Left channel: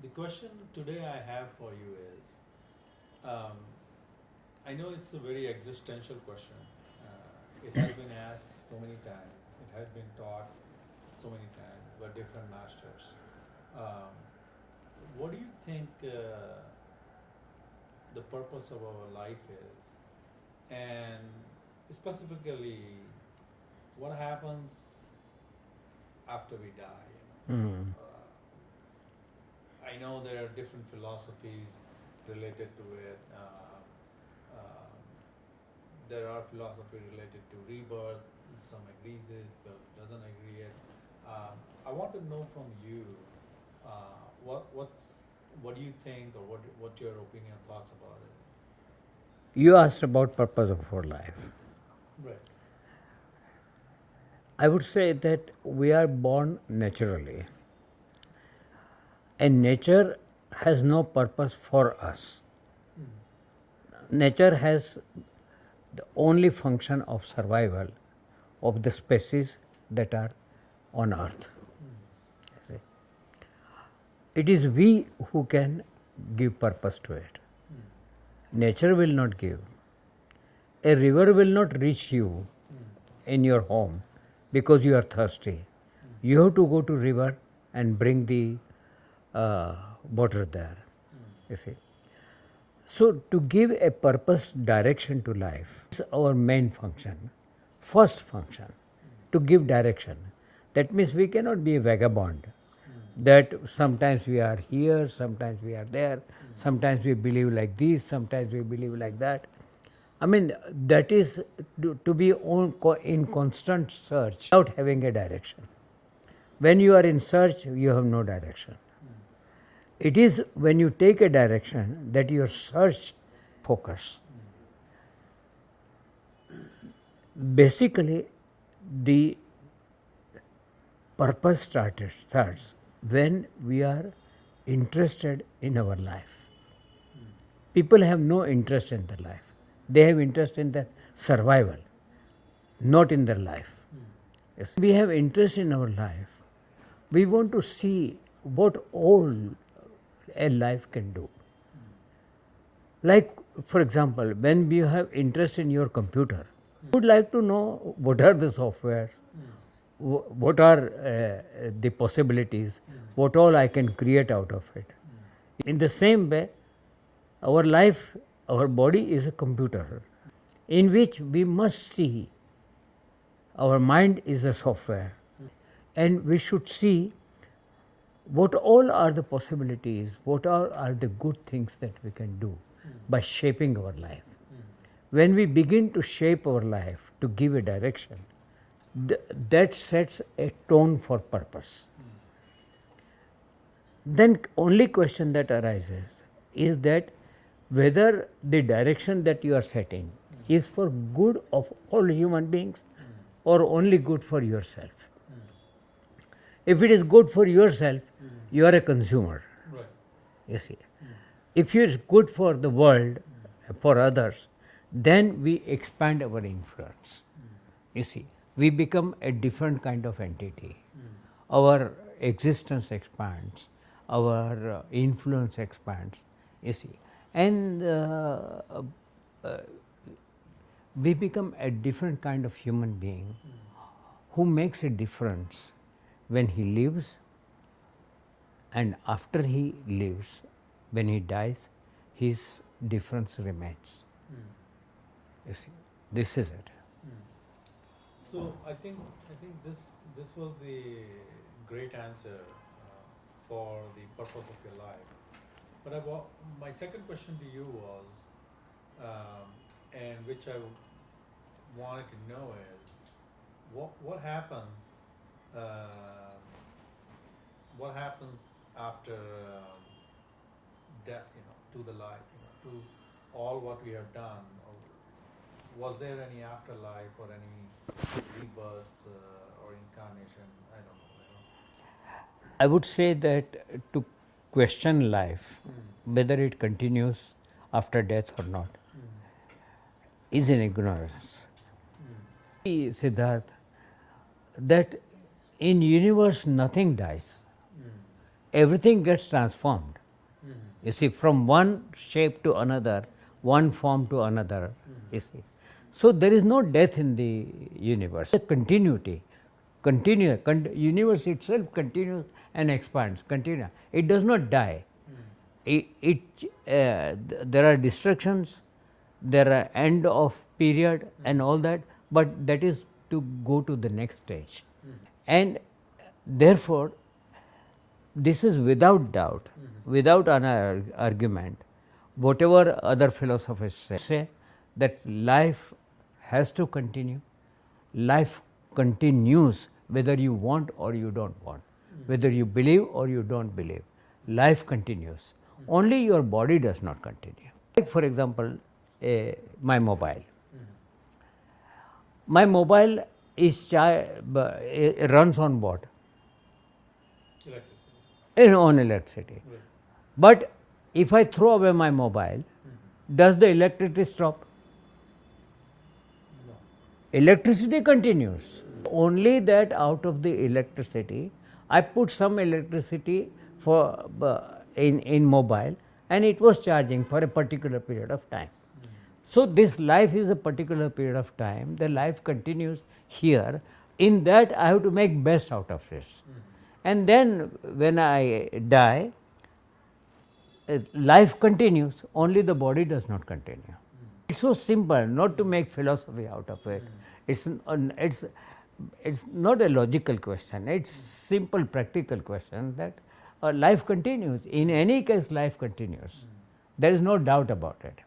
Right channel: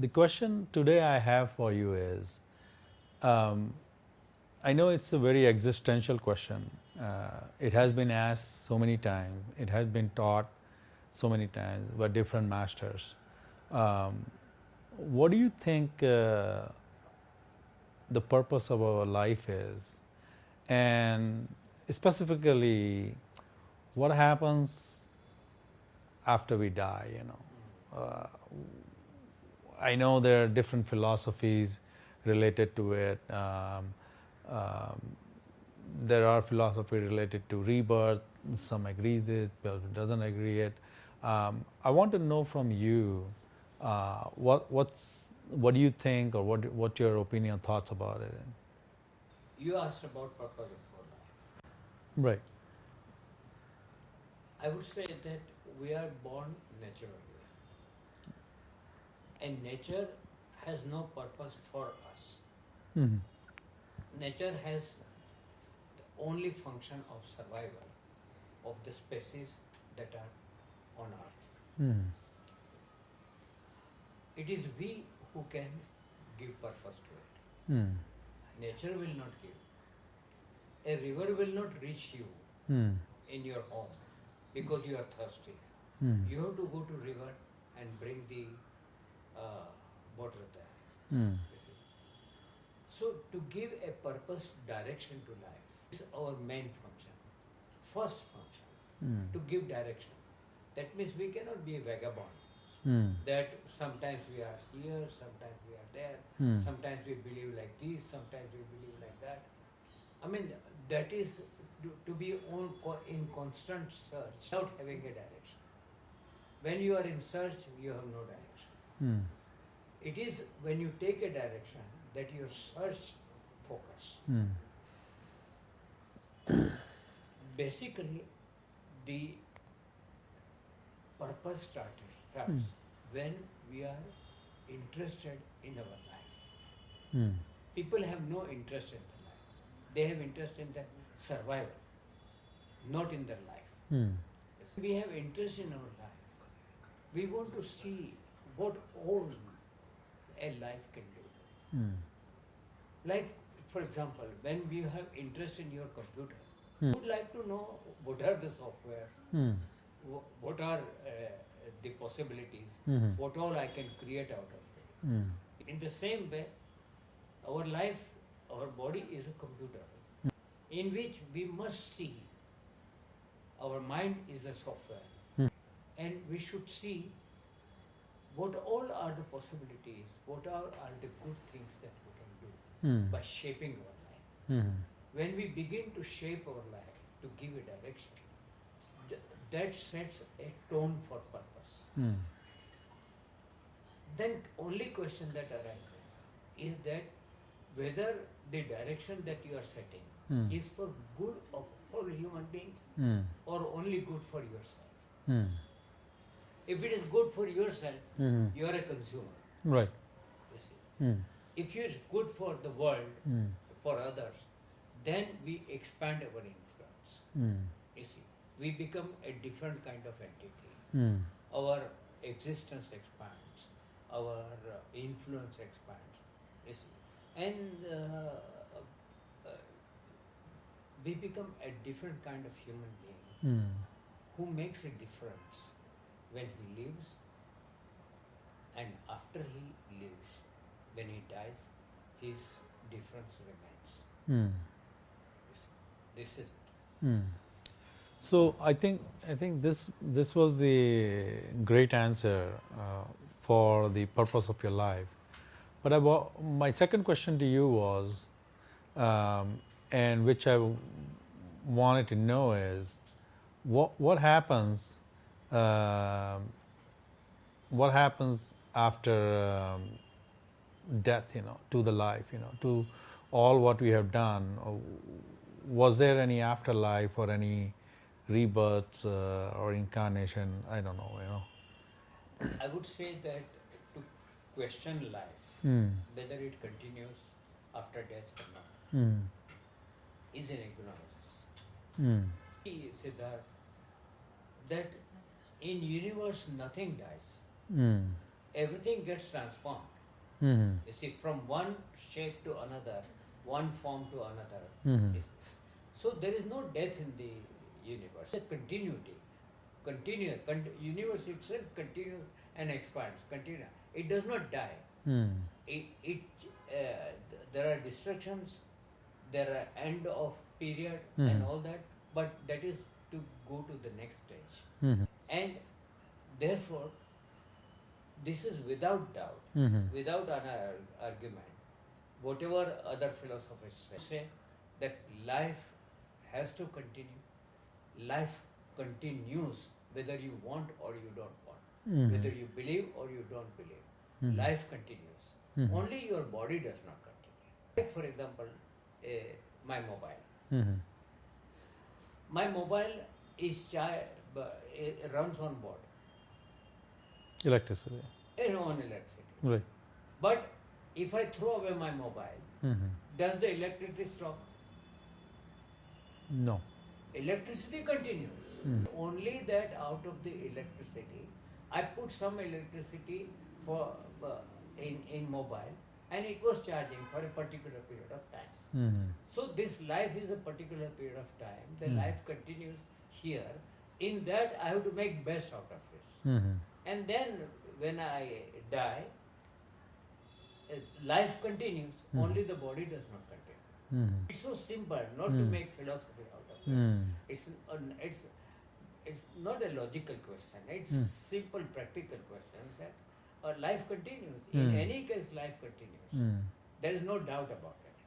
The question today I have for you is, um, I know it's a very existential question. It has been asked so many times. It has been taught so many times by different masters. Um, what do you think the purpose of our life is, and specifically, what happens after we die? I know there are different philosophies related to it. Um, there are philosophy related to rebirth. Some agrees it, but doesn't agree it. I want to know from you what do you think, or what your opinion, thoughts about it? You asked about purpose of our life. Right. I would say that we are born naturally, and nature has no purpose for us. Nature has the only function of survival of the species that are on earth. See. It is we who can give purpose to it. Nature will not give. A river will not reach you in your home because you are thirsty. You have to go to river and bring the water there. You see. So to give a purpose, direction to life is our main function, first function, to give direction. That means we cannot be a vagabond. That sometimes we are here, sometimes we are there, sometimes we believe like this, sometimes we believe like that. I mean, that is to be in constant search without having a direction. When you are in search, you have no direction. It is when you take a direction that your search focus. Basically, the purpose starts when we are interested in our life. People have no interest in their life. They have interest in their survival, not in their life. Yes. We have interest in our life. We want to see what all a life can do. Like, for example, when you have interest in your computer, you would like to know what are the softwares, what are the possibilities, what all I can create out of it. In the same way, our life, our body is a computer in which we must see our mind is a software, and we should see what all are the possibilities, what are the good things that we can do by shaping our life. When we begin to shape our life, to give a direction, that sets a tone for purpose. Then only question that arises is that whether the direction that you are setting is for good of all human beings or only good for yourself. If it is good for yourself, you are a consumer. Right. You see. If it is good for the world, for others, then we expand our influence. You see, we become a different kind of entity. Our existence expands, our influence expands. You see, and we become a different kind of human being who makes a difference when he lives, and after he lives, when he dies, his difference remains. You see, this is it. So I think this was the great answer for the purpose of your life. But my second question to you was, and which I wanted to know is, what happens after death? To the life. To all what we have done. Was there any afterlife or any rebirths or incarnation? I don't know. I would say that to question life, whether it continues after death or not, is an ignorance. Siddharth, that in universe nothing dies. everything gets transformed. Mhm. You see, from one shape to another, one form to another. You see. So there is no death in the universe. The continuity, universe itself continues and expands. It does not die. There are destructions, there are end of period and all that, but that is to go to the next stage. And therefore, this is without doubt, without an argument, whatever other philosophers say, that life has to continue. Life continues whether you want or you don't want, whether you believe or you don't believe. Life continues. Only your body does not continue. Like, for example, my mobile. My mobile is it runs on what? Electricity. On electricity. Right. But if I throw away my mobile, does the electricity stop? No. Electricity continues. Only that out of the electricity, I put some electricity for in mobile, and it was charging for a particular period of time. So this life is a particular period of time. The life continues here. In that, I have to make best out of it. And then when I die, life continues. Only the body does not continue. It's so simple, not to make philosophy out of it. It's not a logical question. It's simple, practical question that life continues. In any case, life continues. There is no doubt about it.